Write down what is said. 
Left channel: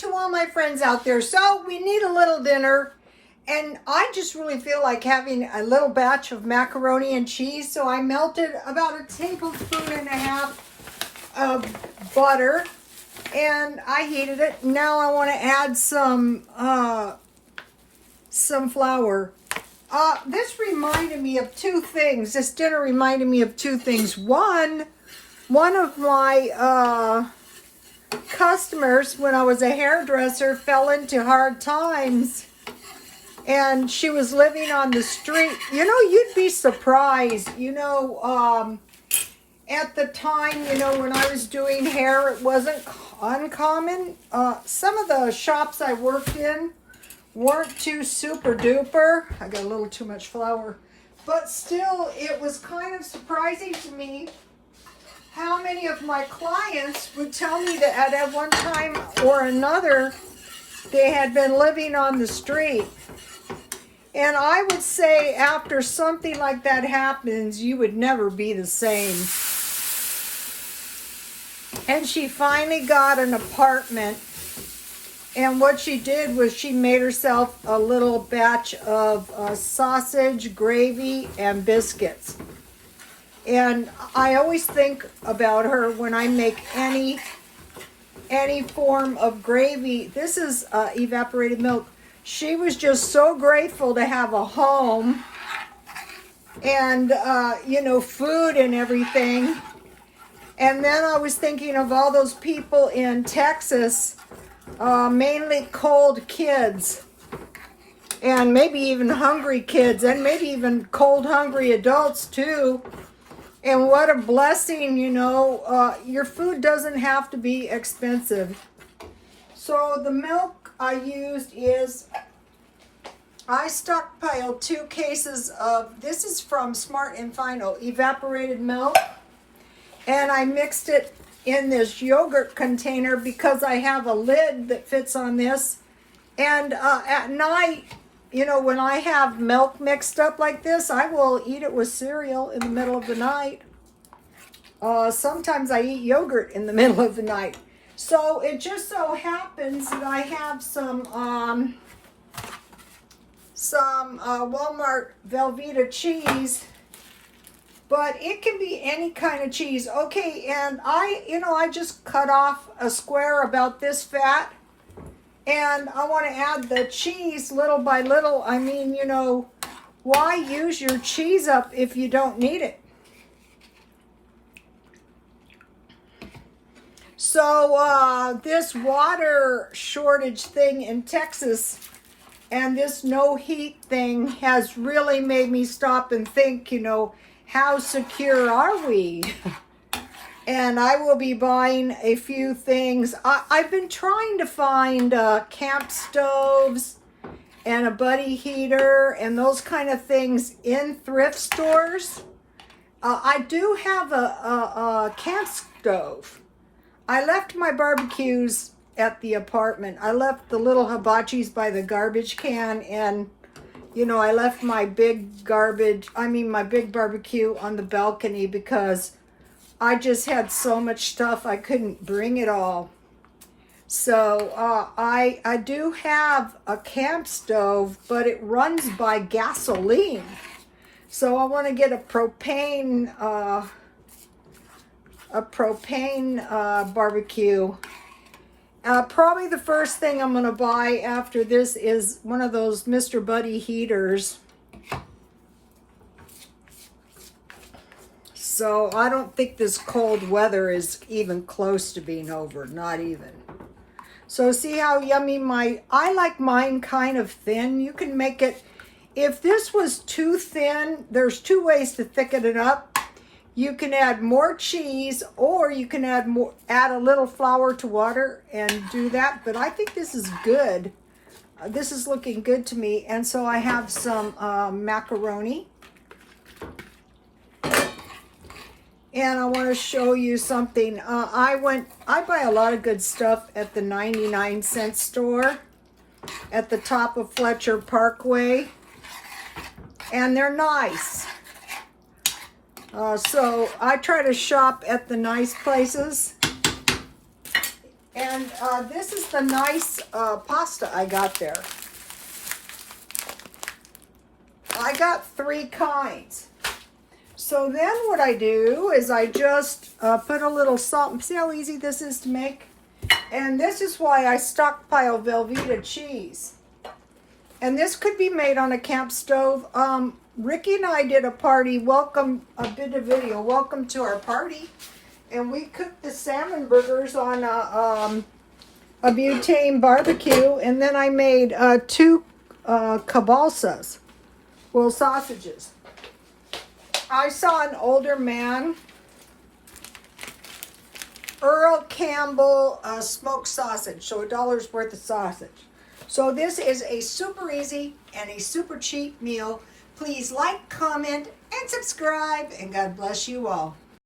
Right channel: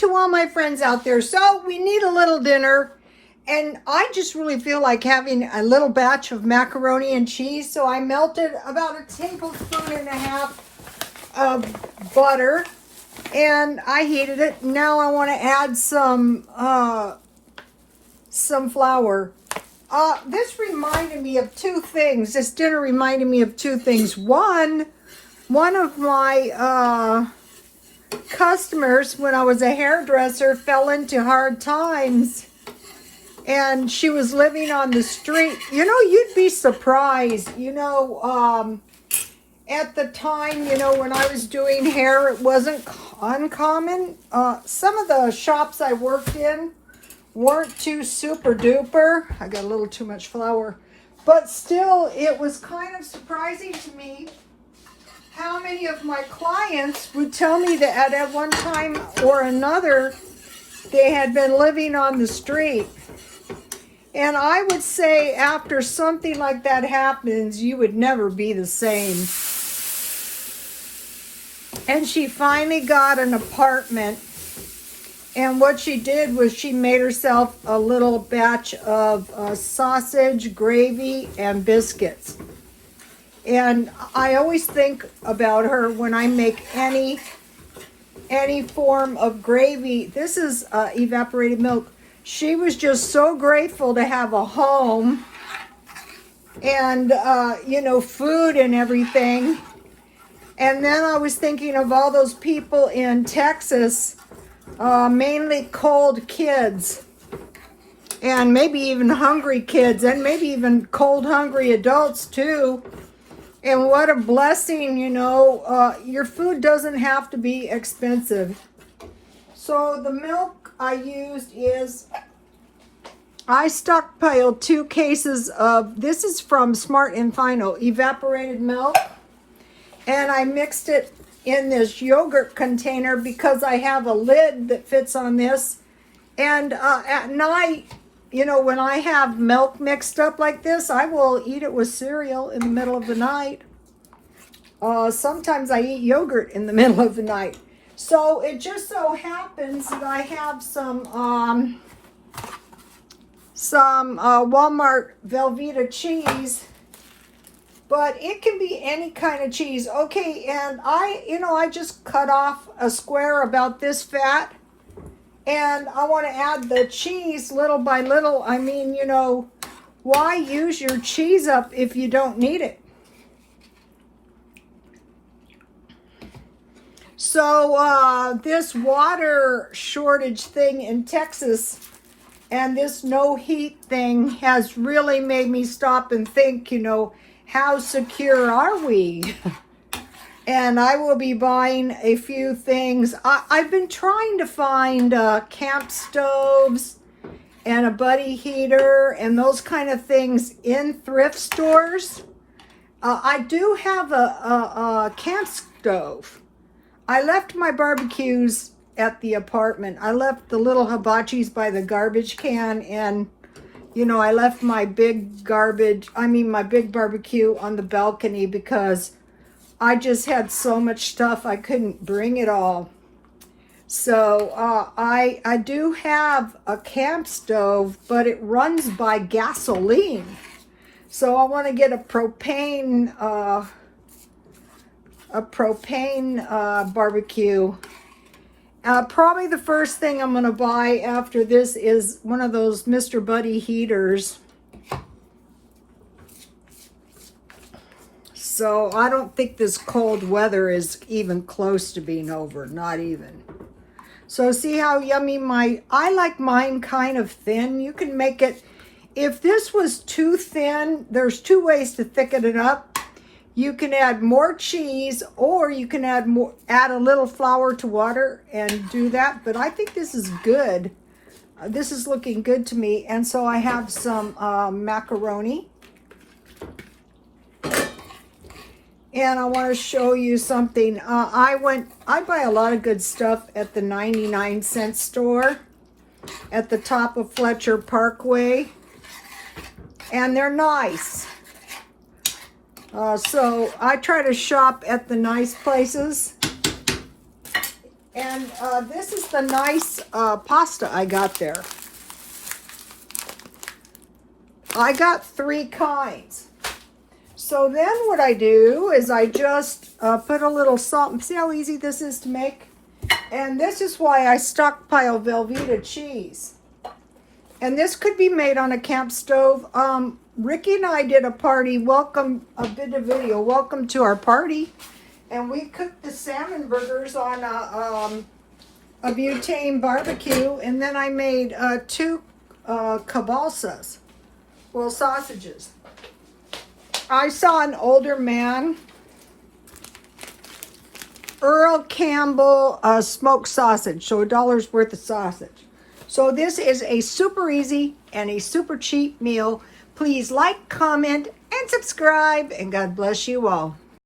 to all my friends out there. So we need a little dinner, and I just really feel like having a little batch of macaroni and cheese. So I melted about a tablespoon and a half of butter, and I heated it. Now I want to add some flour. This reminded me of two things. This dinner reminded me of two things. One of my customers, when I was a hairdresser, fell into hard times, and she was living on the street. You know, you'd be surprised. You know, at the time, you know, when I was doing hair, it wasn't uncommon. Some of the shops I worked in weren't too super duper. I got a little too much flour, but still, it was kind of surprising to me how many of my clients would tell me that at one time or another they had been living on the street. And I would say after something like that happens, you would never be the same. And she finally got an apartment. And what she did was she made herself a little batch of sausage, gravy, and biscuits. And I always think about her when I make any form of gravy. This is evaporated milk. She was just so grateful to have a home and, you know, food and everything. And then I was thinking of all those people in Texas, mainly cold kids, and maybe even hungry kids, and maybe even cold, hungry adults too. And what a blessing, you know, your food doesn't have to be expensive. So the milk I used is, I stockpiled 2 cases of, this is from Smart and Final, evaporated milk. And I mixed it in this yogurt container because I have a lid that fits on this. And at night, you know, when I have milk mixed up like this, I will eat it with cereal in the middle of the night. Sometimes I eat yogurt in the middle of the night. So it just so happens that I have some Walmart Velveeta cheese, but it can be any kind of cheese. Okay, and I just cut off a square about this fat. And I want to add the cheese little by little. I mean, you know, why use your cheese up if you don't need it? So this water shortage thing in Texas and this no heat thing has really made me stop and think, you know, how secure are we? And I will be buying a few things. I've been trying to find camp stoves and a buddy heater and those kind of things in thrift stores. I do have a camp stove. I left my barbecues at the apartment. I left the little hibachis by the garbage can, and you know, I left my big barbecue on the balcony because I just had so much stuff I couldn't bring it all. So I do have a camp stove, but it runs by gasoline. So I want to get a propane barbecue. Probably the first thing I'm going to buy after this is one of those Mr. Buddy heaters. So I don't think this cold weather is even close to being over, not even. So see how yummy I like mine kind of thin. You can make it, if this was too thin, there's 2 ways to thicken it up. You can add more cheese, or you can add a little flour to water and do that. But I think this is good. This is looking good to me. And so I have some macaroni. And I want to show you something. I buy a lot of good stuff at the 99-cent store at the top of Fletcher Parkway. And they're nice. So I try to shop at the nice places. And this is the nice pasta I got there. I got 3 kinds. So then what I do is I just put a little salt. See how easy this is to make? And this is why I stockpile Velveeta cheese. And this could be made on a camp stove. Ricky and I did a party, a bit of video, welcome to our party. And we cooked the salmon burgers on a butane barbecue. And then I made 2 kielbasas, well, sausages. I saw an older man, Earl Campbell smoked sausage, so $1 worth of sausage. So this is a super easy and a super cheap meal. Please like, comment, and subscribe, and God bless you all.